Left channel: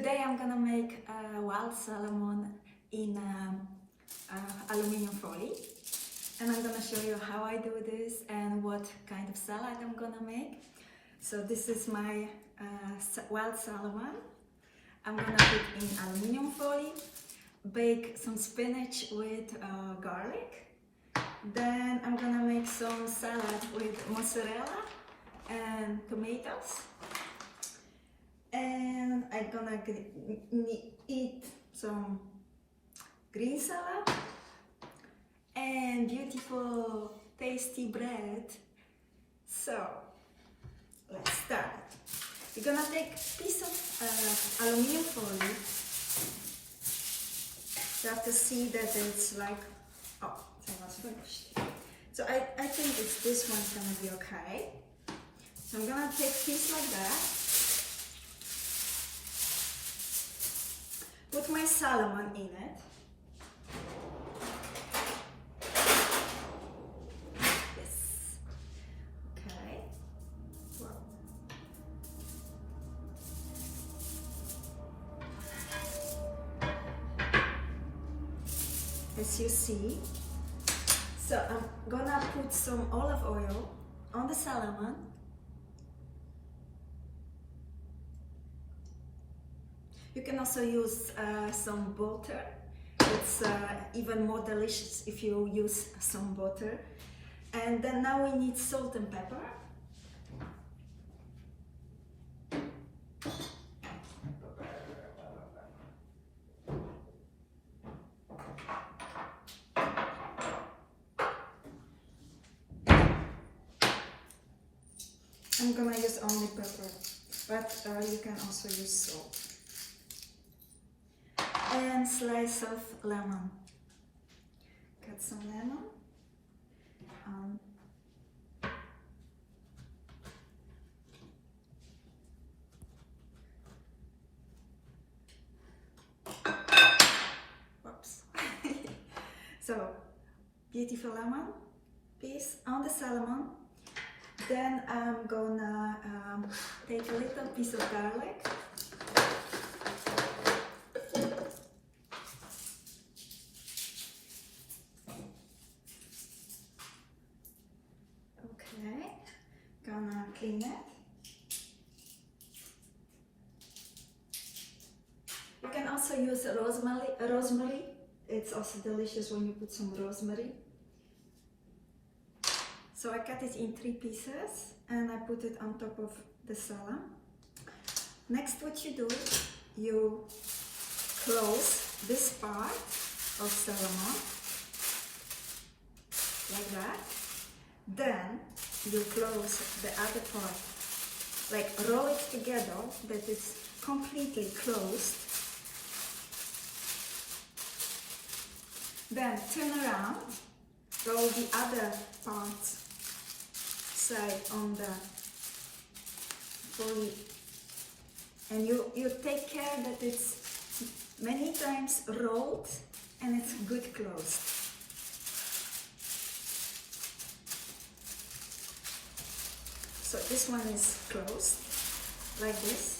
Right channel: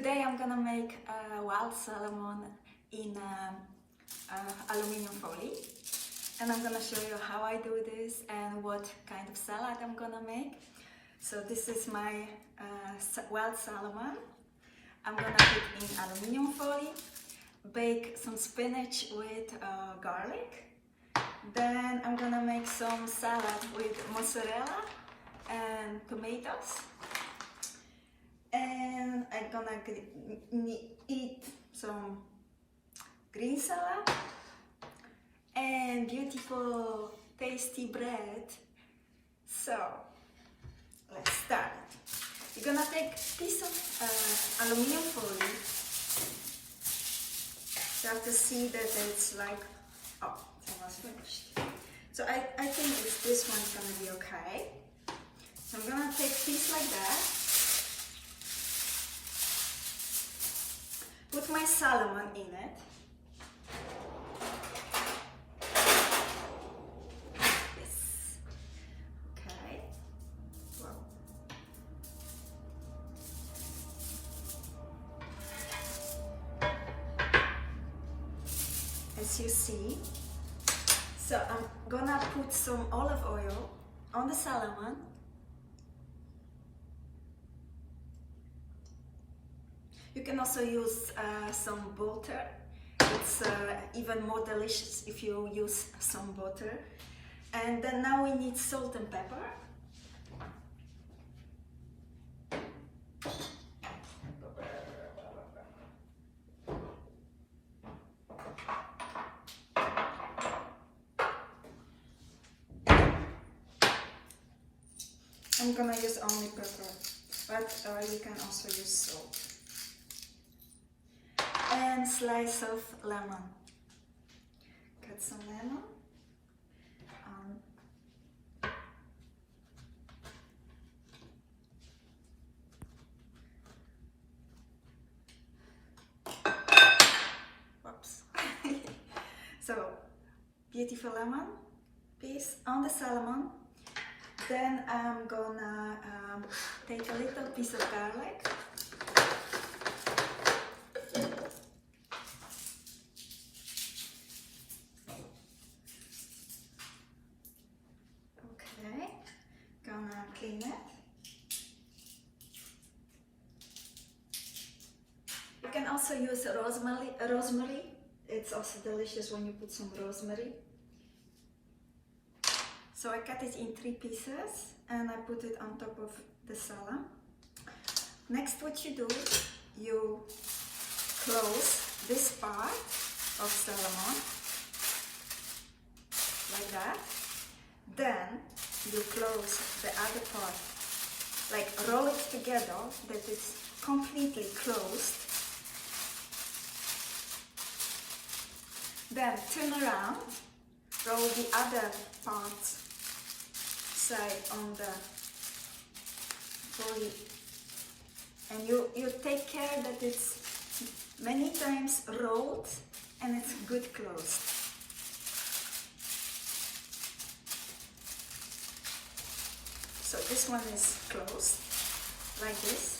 Today I'm gonna make wild salmon in aluminium foil, and I'm gonna show you how I do this and what kind of salad I'm gonna make. So this is my wild salmon. I'm gonna put in aluminium foil, bake some spinach with garlic. Then I'm gonna make some salad with mozzarella and tomatoes. And I'm gonna eat some green salad and beautiful tasty bread. So let's start. You're gonna take a piece of aluminium foil. You have to see that it's like, oh, it's almost finished. So I think this one's gonna be okay. So I'm gonna take a piece like that. Put my salmon in it. Yes. Okay. Wow. As you see, so I'm gonna put some olive oil on the salmon. You can also use some butter. It's even more delicious if you use some butter. And then now we need salt and pepper. I'm gonna use only pepper, but you can also use salt. And slice of lemon. Cut some lemon. Whoops. So, beautiful lemon piece on the salmon. Then I'm gonna take a little piece of garlic. Gonna clean it. You can also use rosemary. It's also delicious when you put some rosemary. So I cut it in 3 pieces and I put it on top of the salad. Next, what you do, you close this part of salmon like that. Then you close the other part, like roll it together that it's completely closed. Then turn around, roll the other part side on the foil, and you take care that it's many times rolled and it's good closed. So this one is closed, like this,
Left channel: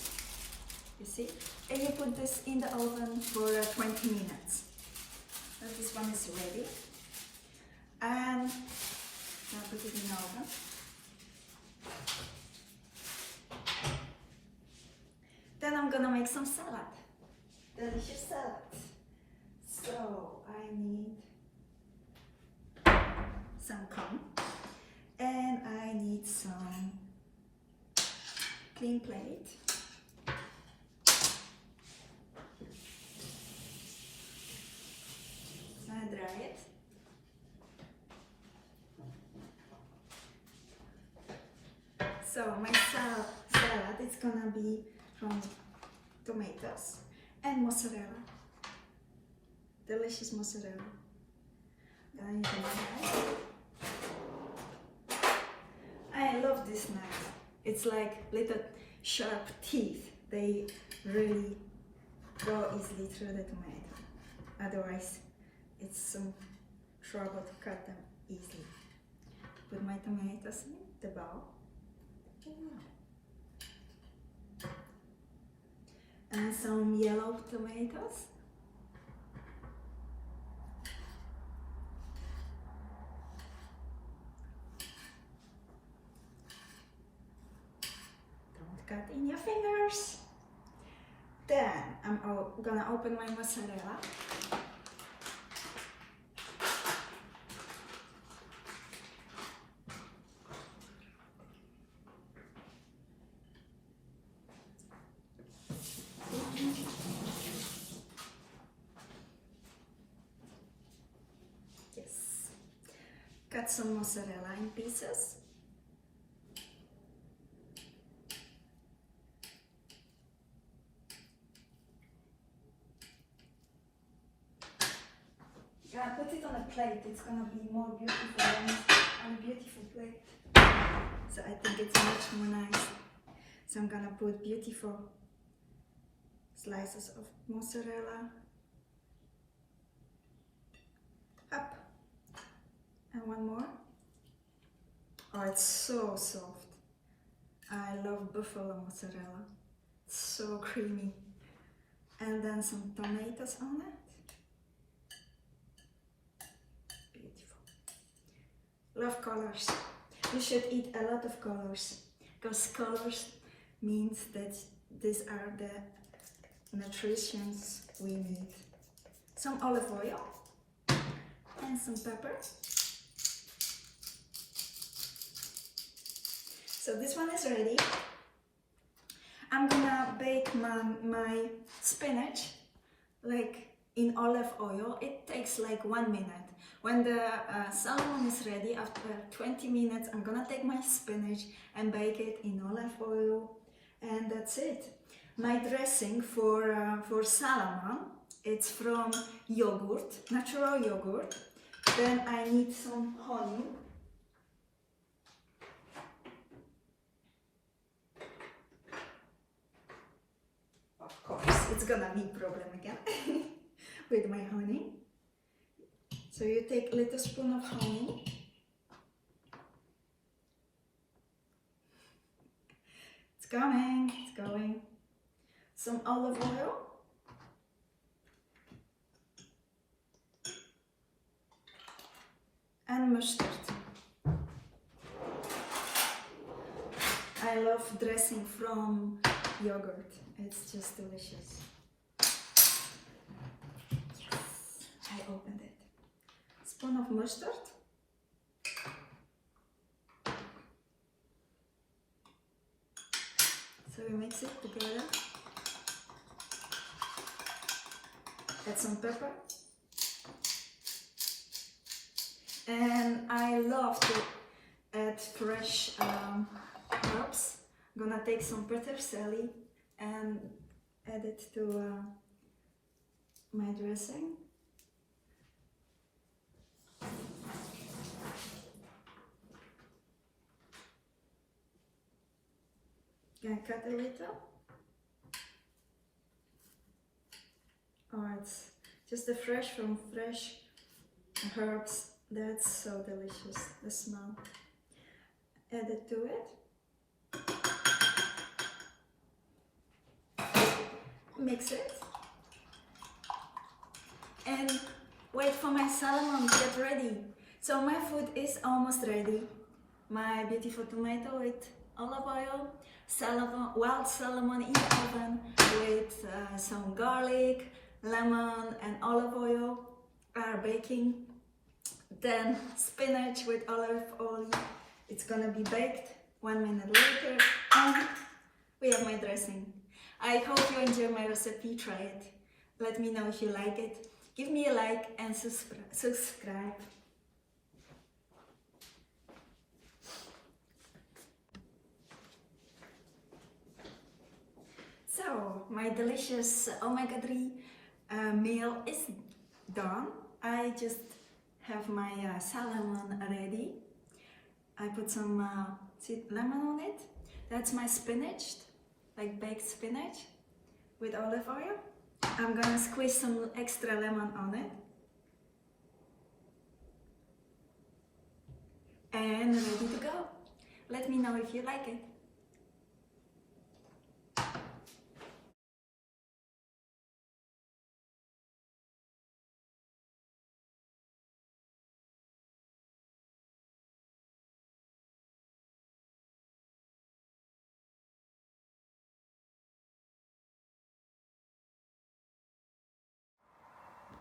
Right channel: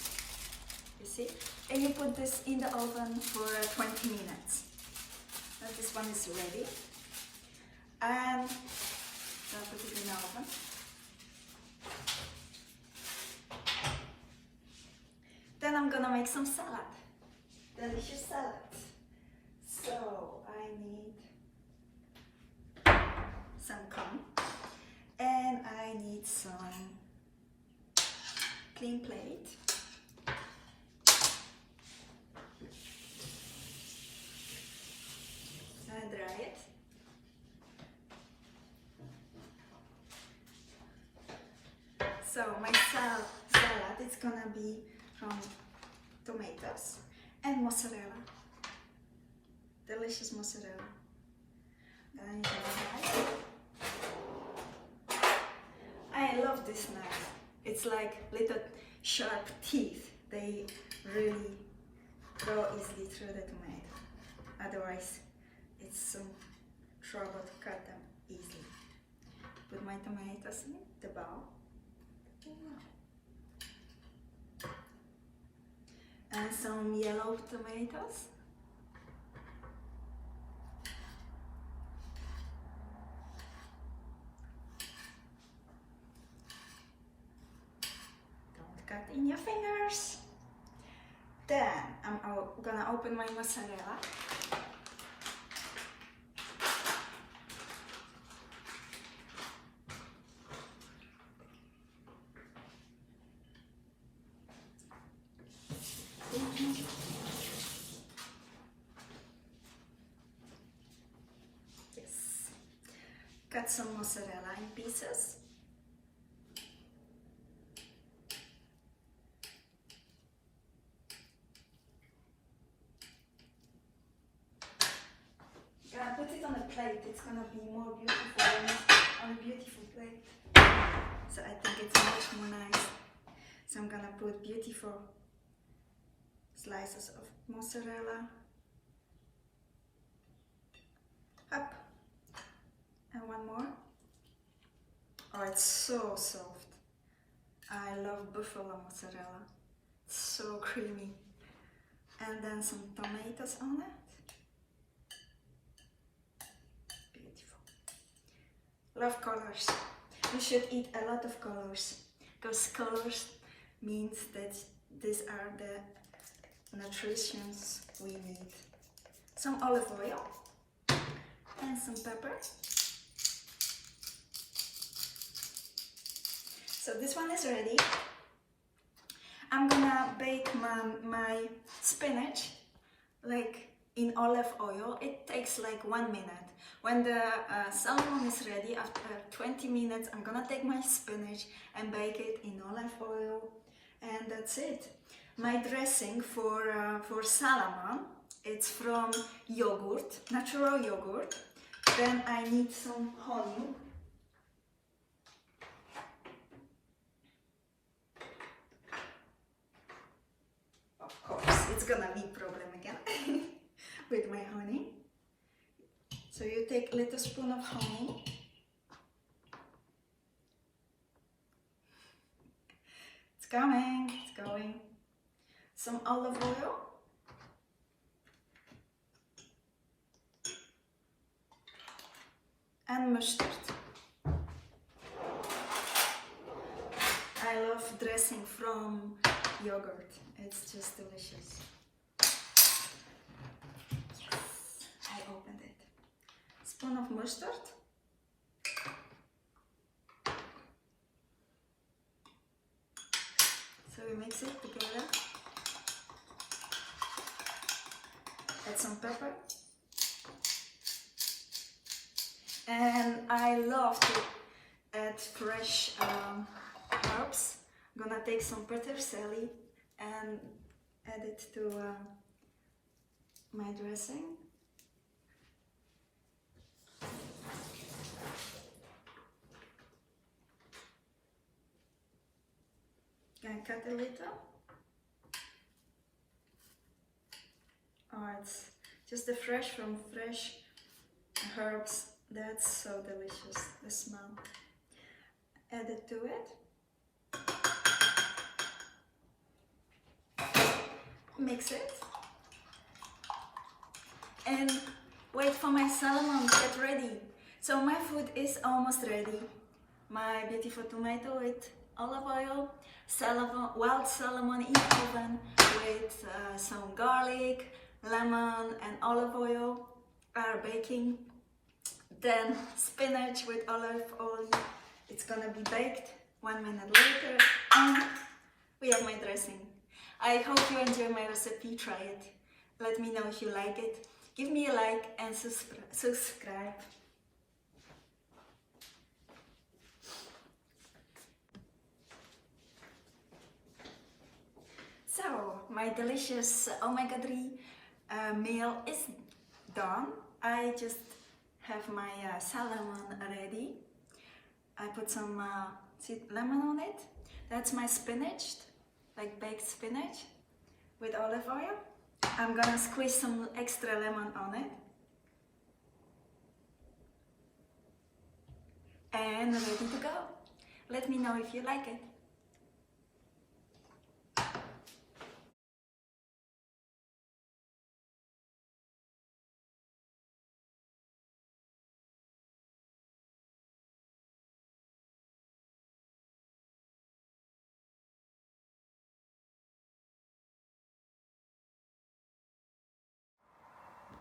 you see? And you put this in the oven for 20 minutes. Now this one is ready. And now put it in the oven. Then I'm gonna make some salad, delicious salad. So I need some corn. And I need some clean plate. And dry it. So my salad is gonna be from tomatoes and mozzarella. Delicious mozzarella. Then you can I love this knife. It's like little sharp teeth. They really go easily through the tomato. Otherwise, it's some trouble to cut them easily. Put my tomatoes in the bowl. And some yellow tomatoes. Don't cut in your fingers. Then I'm gonna open my mozzarella. Yes. Cut some mozzarella in pieces. I put it on a plate, it's gonna be more beautiful on a beautiful plate. So I think it's much more nice. So I'm gonna put beautiful slices of mozzarella. Up. And one more. Oh, it's so soft. I love buffalo mozzarella. It's so creamy. And then some tomatoes on it. Love colors. You should eat a lot of colors, because colors means that these are the nutritions we need. Some olive oil and some pepper. So this one is ready. I'm gonna bake my spinach like in olive oil. It takes like 1 minute. When the salmon is ready, after 20 minutes, I'm gonna take my spinach and bake it in olive oil, and that's it. My dressing for salmon, it's from yogurt, natural yogurt. Then I need some honey. Of course, it's gonna be a problem again with my honey. So you take a little spoon of honey. It's coming, it's going. Some olive oil. And mustard. I love dressing from yogurt. It's just delicious. I opened it. Spoon of mustard. So we mix it together. Add some pepper. And I love to add fresh herbs. I'm gonna take some peterselie and add it to my dressing. Can I cut a little? Oh, it's just the fresh from fresh herbs. That's so delicious, the smell. Add it to it. Mix it. And wait for my salmon to get ready. So my food is almost ready. My beautiful tomato with olive oil, wild salmon in the oven with some garlic, lemon and olive oil are baking. Then spinach with olive oil, it's gonna be baked 1 minute later, and we have my dressing. I hope you enjoy my recipe, try it. Let me know if you like it. Give me a like and subscribe. So, my delicious omega-3 meal is done. I just have my salmon ready. I put some lemon on it. That's my spinach, like baked spinach with olive oil. I'm gonna squeeze some extra lemon on it. And ready to go. Let me know if you like it.